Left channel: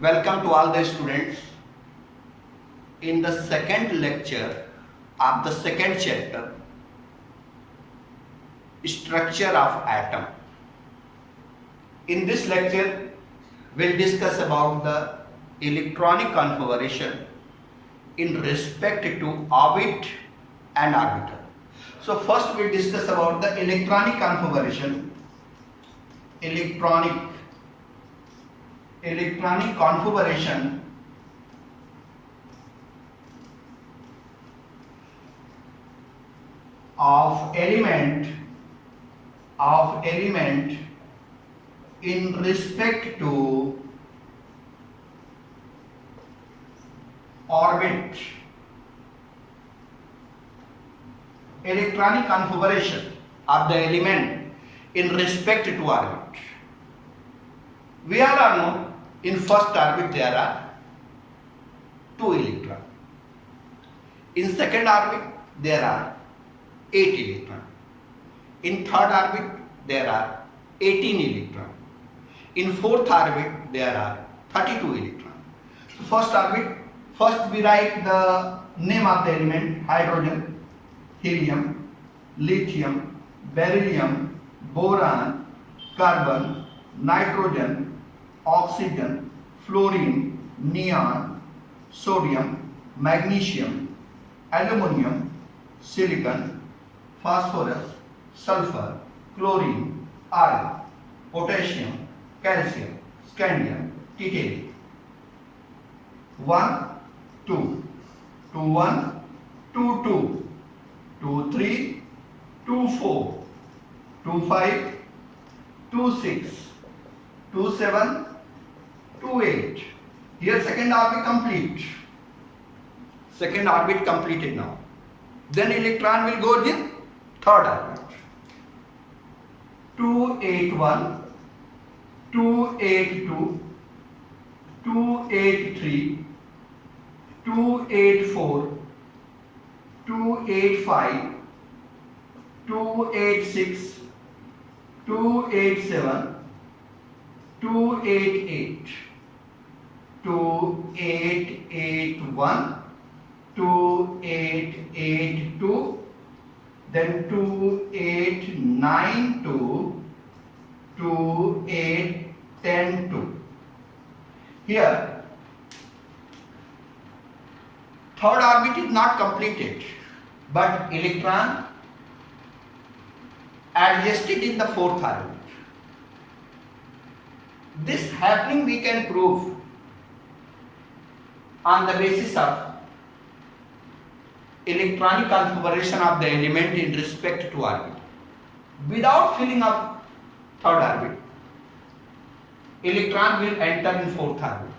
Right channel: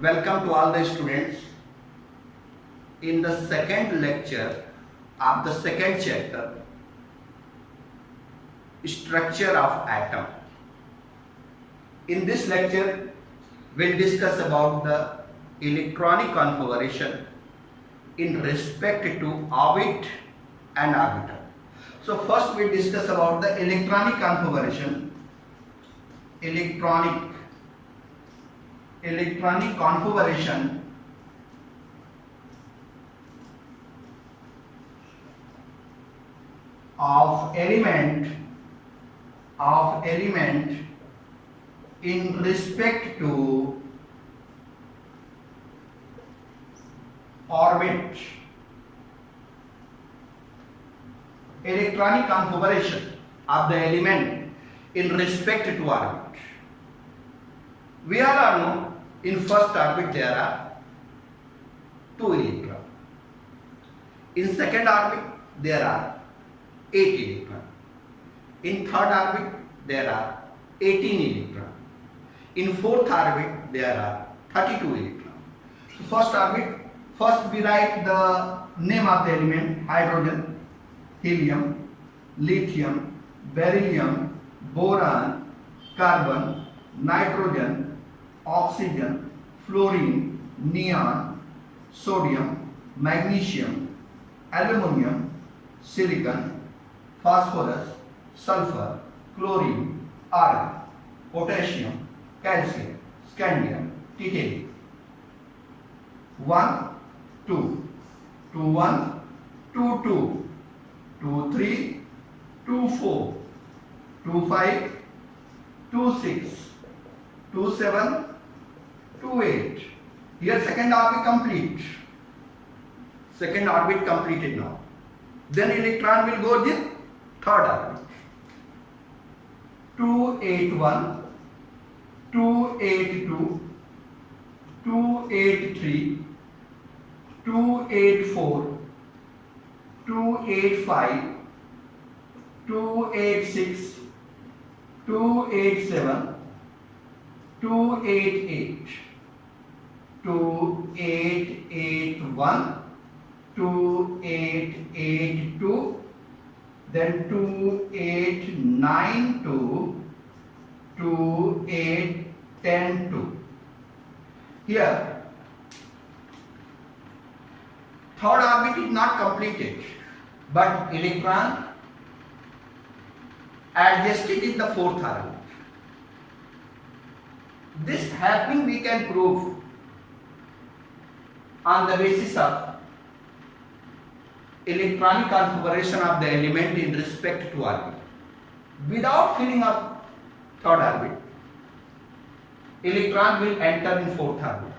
Welcome to all the students in the second lecture of the second chapter, Structure of Atom. In this lecture, we'll discuss about the electronic configuration in respect to orbit and orbital. So first we'll discuss about the electronic configuration. Electronic configuration of element in respect to orbit. Electronic configuration of the element in respect to orbit. We are known in first orbit there are 2 electrons. In second orbit there are 8 electrons. In third orbit there are 18 electrons. In fourth orbit there are 32 electrons. So first orbit, first we write the name of the element: hydrogen, helium, lithium, beryllium, boron, carbon, nitrogen, oxygen, fluorine, neon, sodium, magnesium, aluminum, silicon, phosphorus, sulfur, chlorine, iron, potassium, calcium, scandium, titanium. 1, 2, 2, 1, 2, 2, 2, 3, 2, 4, 2, 5, 2, 6, 2, 7, 2, 8. Here second orbit complete. Second orbit completed now. Then electron will go in third orbit. 281, 282, 283, 284, 285, 286, 287, 288, 2881, 2882, then 2892, 2810. Here third orbit is not completed, but electron adjusted in the fourth orbit. This happening we can prove on the basis of electronic configuration of the element in respect to orbit. Without filling up third orbit, electron will enter in fourth orbit.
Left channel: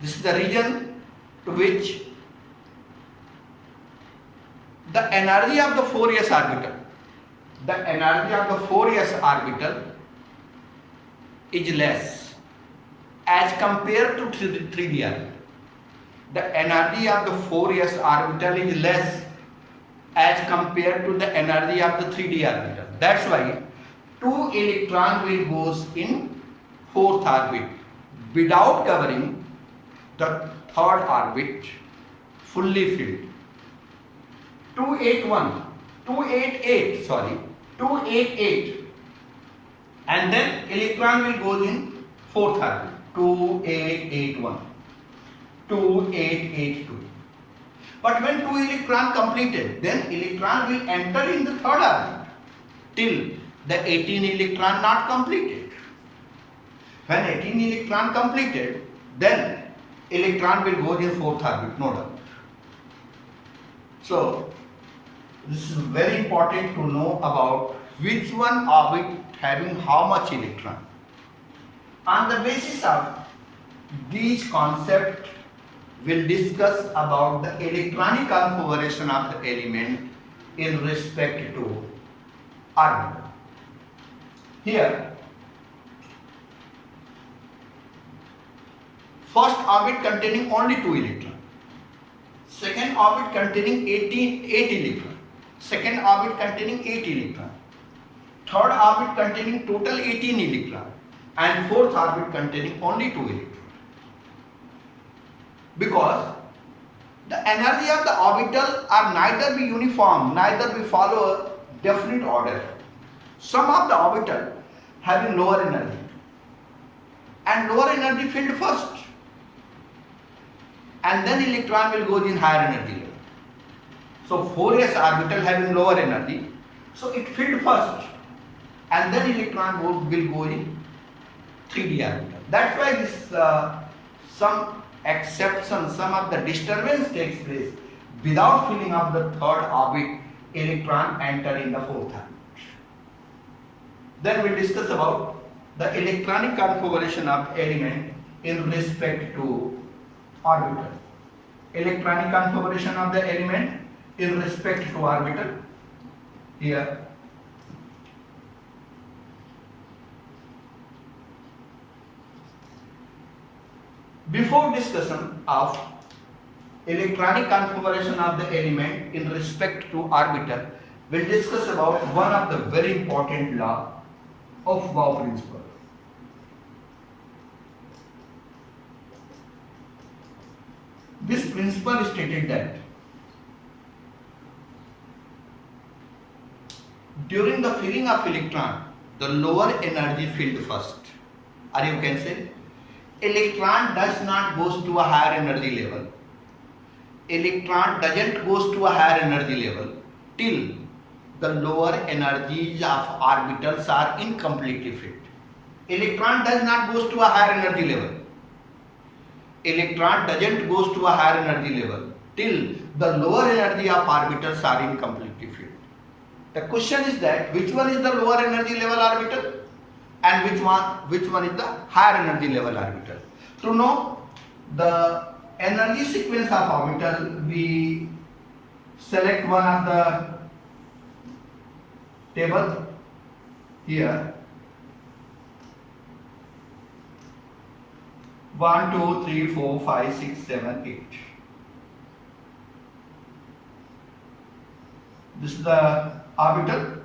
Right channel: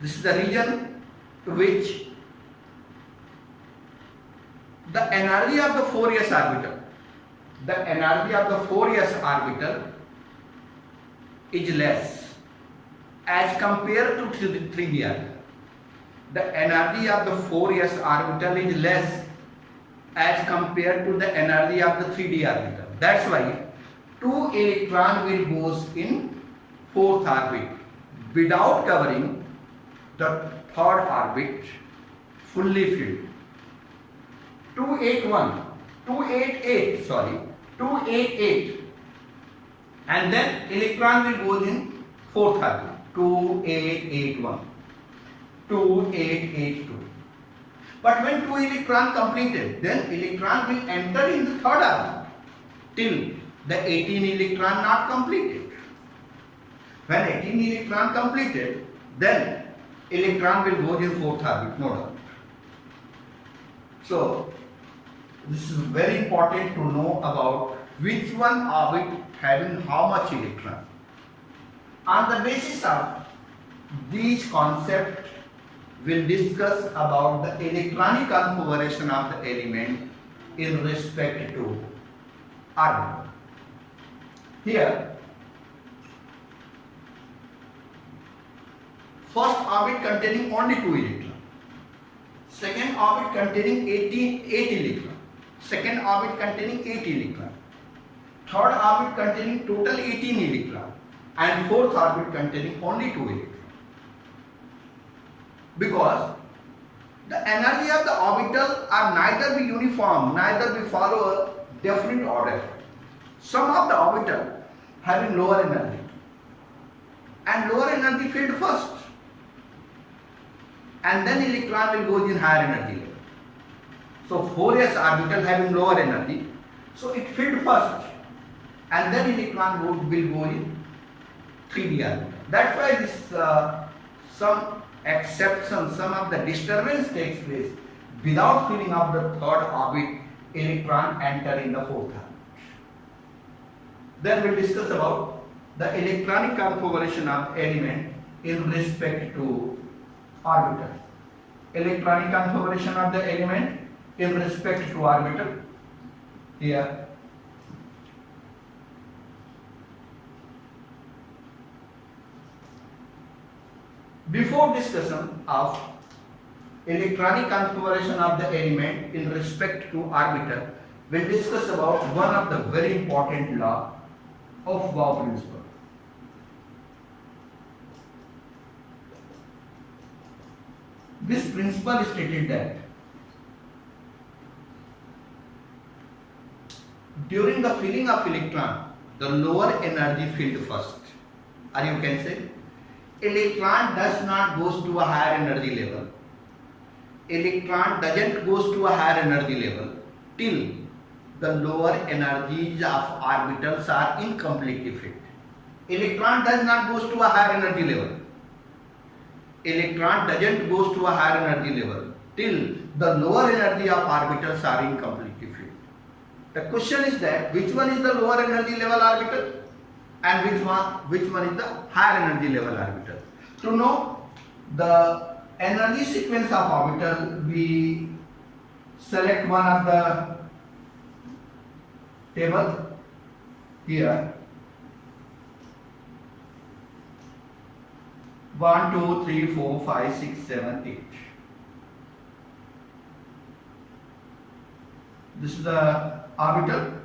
This is the reason to which the energy of the 4s orbital, is less as compared to 3d orbital. The energy of the 4s orbital is less as compared to the energy of the 3d orbital. That's why 2 electron will goes in fourth orbit without covering the third orbit fully filled. 288, and then electron will go in fourth orbit. 2881, 2882. But when 2 electron completed, then electron will enter in the third orbit till the 18 electron not completed. When 18 electron completed, then electron will go in fourth orbit, no doubt. So this is very important to know about which one orbit having how much electron. On the basis of these concepts, we'll discuss about the electronic configuration of the element in respect to orbit. Here, first orbit containing only 2 electrons. Second orbit containing 8 electrons. Second orbit containing 8 electrons. Third orbit containing total 18 electrons. and fourth orbit containing only 2 electrons. Because the energy of the orbital are neither be uniform, neither be follow a definite order. Some of the orbital having lower energy and lower energy filled first, and then electron will go in higher energy level. So 4s orbital having lower energy, so it filled first, and then electron will go in 3d orbital. That's why this some exception, some of the disturbance takes place without filling up the third orbit, electron enter in the fourth orbit. Then we discuss about the electronic configuration of element in respect to orbital. Electronic configuration of the element in respect to orbital. Here before discussion of electronic configuration of the element in respect to orbital, we'll discuss about one of the very important law of Bohr principle. This principle stated that during the filling of electron, the lower energy filled first, or you can say electron does not goes to a higher energy level. Electron doesn't goes to a higher energy level till the lower energies of orbitals are incompletely filled. Electron does not goes to a higher energy level. Electron doesn't goes to a higher energy level till the lower energy of orbitals are incompletely filled. The question is that which one is the lower energy level orbital and which one is the higher energy level orbital. To know the energy sequence of orbital, we select one of the table here. 1, 2, 3, 4, 5, 6, 7, 8. This is the orbital.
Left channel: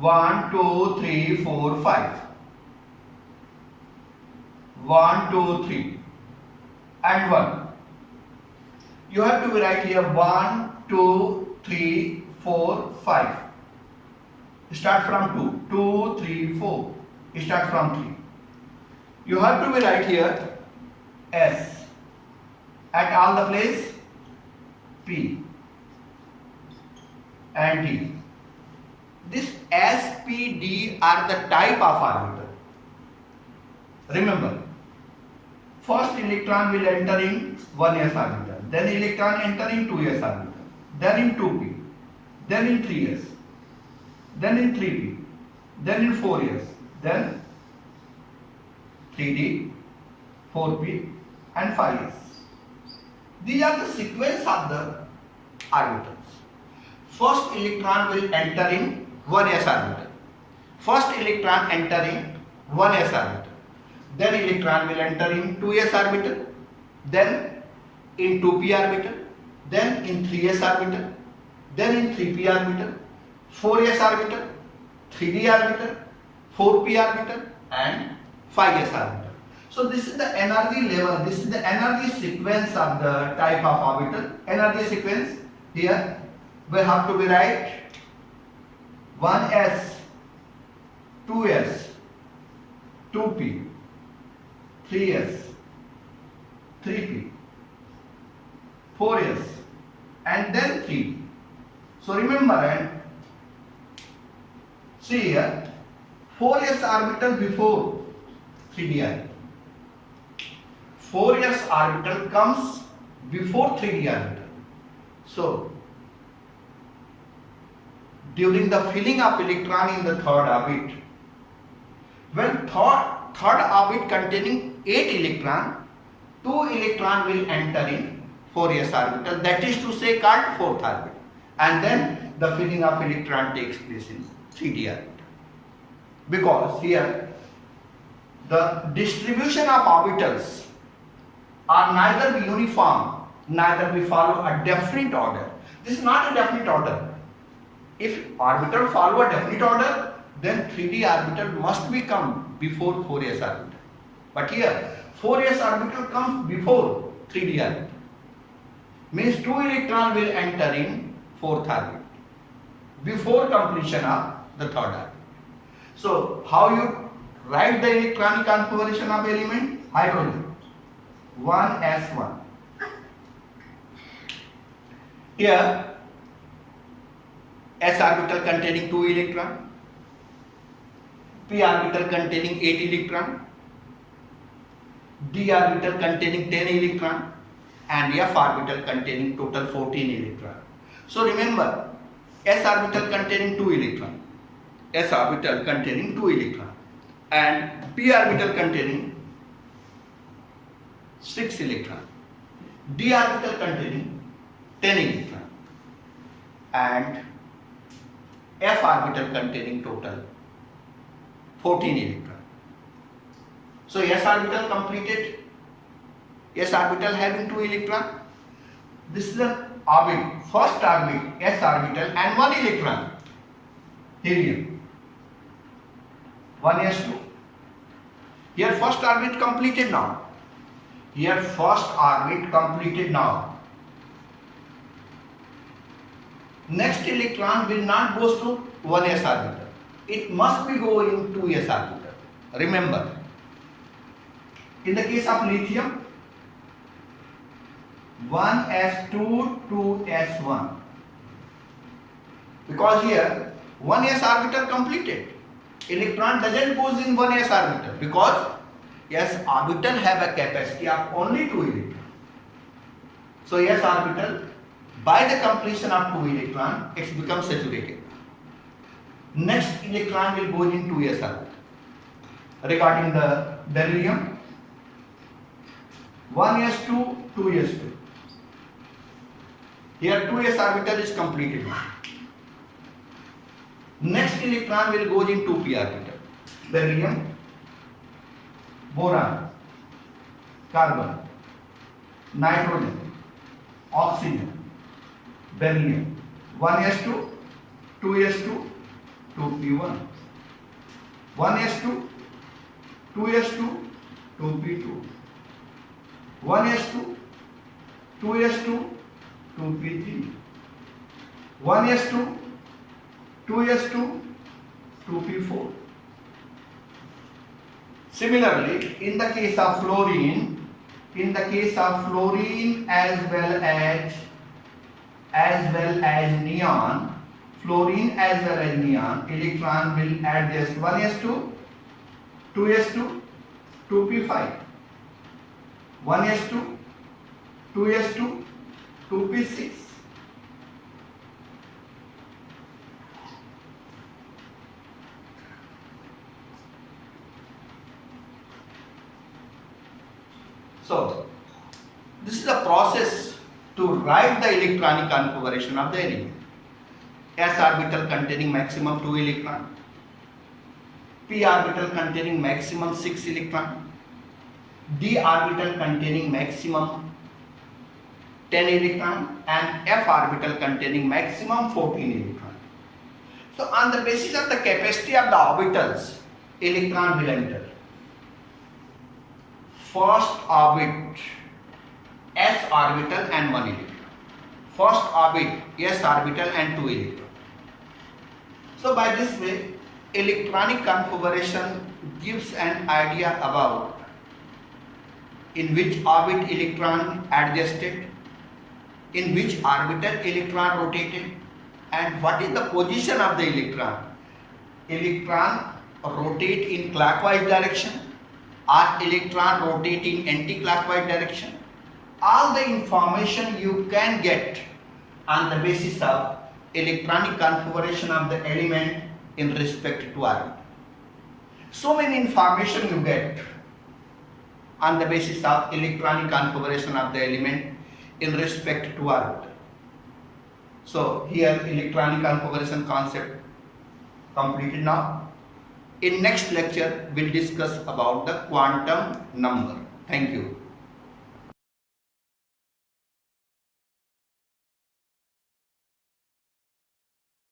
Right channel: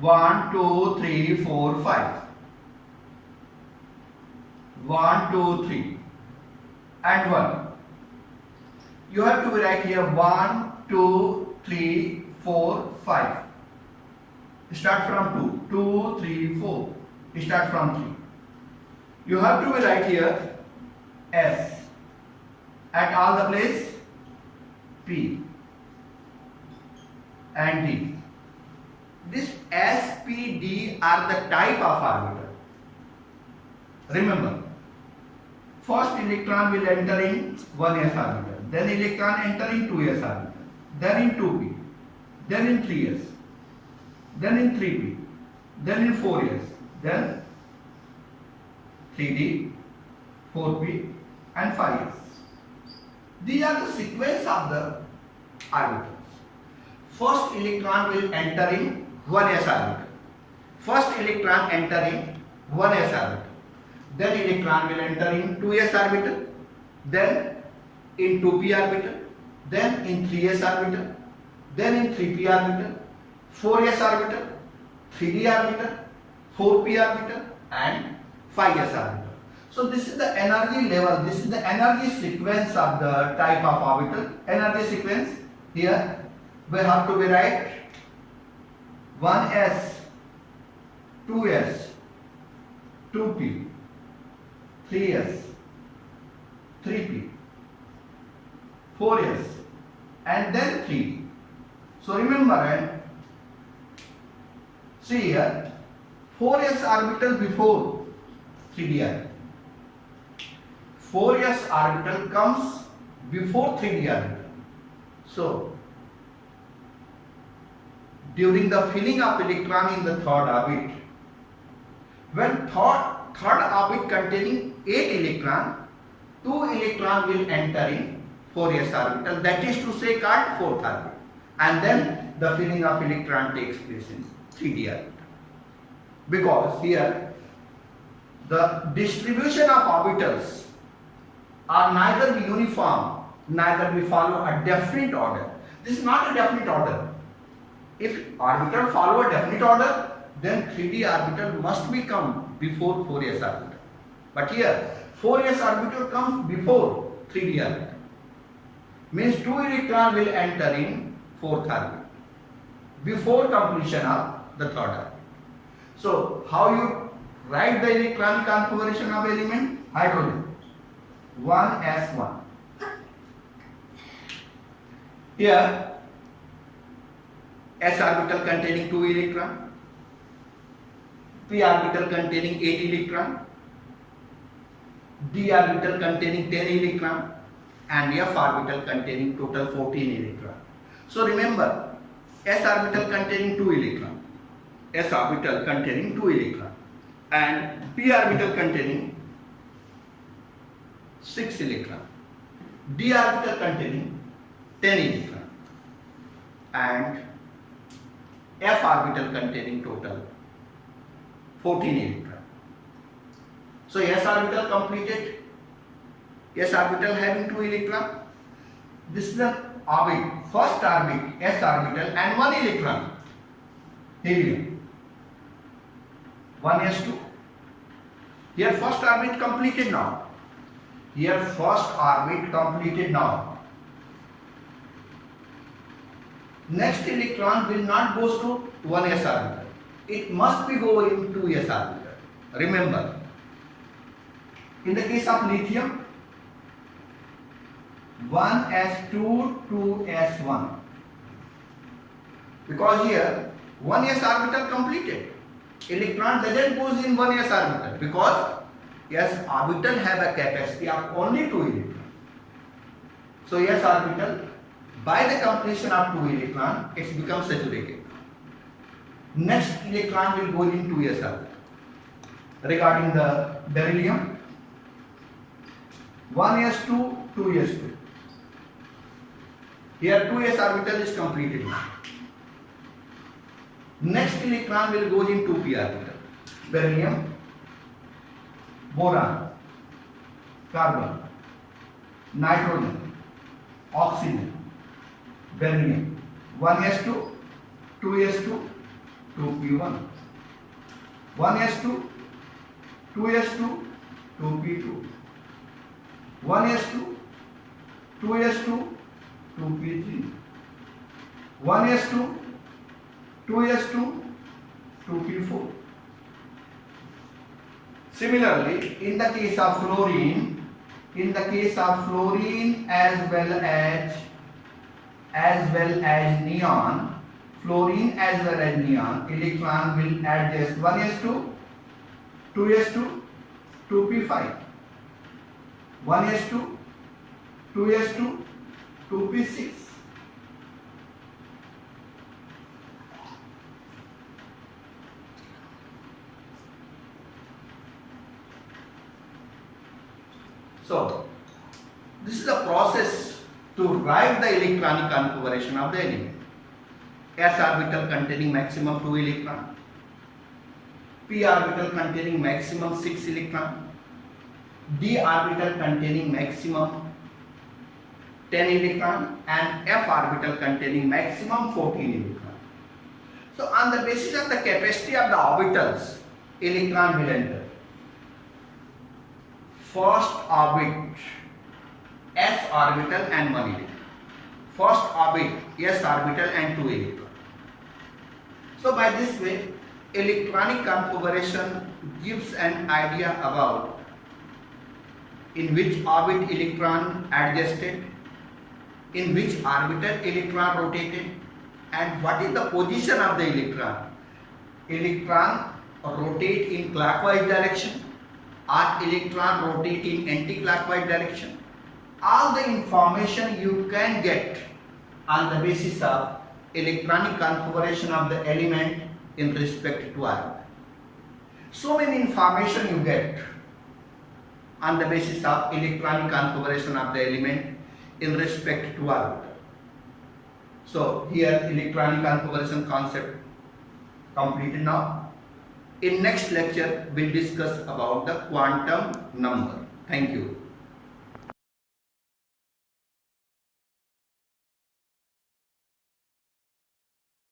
One, two, three, four, 5. 1, 2, 3, and 1. You have to write here 1, 2, 3, 4, 5. Start from 2. 2, 3, 4. Start from 3. You have to write here S at all the place P and D. This S, P, D are the type of orbital. Remember, first electron will enter in 1s orbital, then electron enter in 2s orbital, then in 2p, then in 3s, then in 3p, then in 4s, then 3d, 4p and 5s. These are the sequence of the orbitals. First electron will enter in 1s orbital. First electron entering 1s orbital. Then electron will enter in 2s orbital. Then in 2p orbital. Then in 3s orbital. Then in 3p orbital. 4s orbital. 3d orbital. 4p orbital and 5s orbital. So this is the energy level. This is the energy sequence of the type of orbital. Energy sequence here we have to be write 1s, 2s, 2p, 3s, 3p, 4s and then 3d. So remember and see here 4s orbital before 3d orbital. 4s orbital comes before 3d orbital. So during the filling of electron in the third orbit, when third orbit containing 8 electron, 2 electron will enter in 4s orbital, that is to say called fourth orbit, and then the filling of electron takes place in 3d orbital. Because here the distribution of orbitals are neither uniform, neither we follow a definite order. This is not a definite order. If orbital follow a definite order, then 3d orbital must become before 4s orbital. But here 4s orbital comes before 3d orbital. Means 2 electron will enter in 4th orbit before completion of the 3rd orbit. So how you write the electronic configuration of element? Hydrogen 1s1. Here s orbital containing 2 electron, p orbital containing 8 electron, d orbital containing 10 electron, and f orbital containing total 14 electron. So remember, s orbital containing 2 electron, s orbital containing 2 electron, and p orbital containing 6 electron, d orbital containing 10 electron, and f orbital containing total 14 electron. So s orbital completed, s orbital having 2 electron. This is an orbit, first orbit s orbital and 1 electron, helium 1s2. Here first orbit completed now. Here first orbit completed now. Next electron will not go to 1s orbital. It must be going to 2s orbital. Remember, in the case of lithium, 1s2 to s1. Because here 1s orbital completed. Electron doesn't go in 1s orbital because s orbital have a capacity of only 2 electrons. So s orbital, by the completion of 2 electron, it becomes saturated. Next electron will go in 2s orbital. Regarding the beryllium, 1s2, 2s2. Here 2s orbital is completed. Next electron will go in 2p orbital. Beryllium, boron, carbon, nitrogen, oxygen, beryllium, 1s2, 2s2, 2p1, 1s2, 2s2, 2p2, 1s2, 2s2, 2p3, 1s2, 2s2, 2p4. Similarly, in the case of fluorine, as well as neon, fluorine as well as neon, electron will adjust 1s2, 2s2, 2p5, 1s2, 2s2, 2p6. So, this is a process to write the electronic configuration of the element. S orbital containing maximum 2 electron, p orbital containing maximum 6 electron, d orbital containing maximum 10 electron, and f orbital containing maximum 14 electron. So on the basis of the capacity of the orbitals, electron will enter. First orbit s orbital and 1 electron. First orbit s orbital and 2 electron. So by this way, electronic configuration gives an idea about in which orbit electron adjusted, in which orbital electron rotated, and what is the position of the electron. Electron rotate in clockwise direction or electron rotate in anti-clockwise direction. All the information you can get on the basis of electronic configuration of the element in respect to orbit. So many information you get on the basis of electronic configuration of the element in respect to orbit. So here electronic configuration concept completed now. In next lecture we'll discuss about the quantum number. Thank you.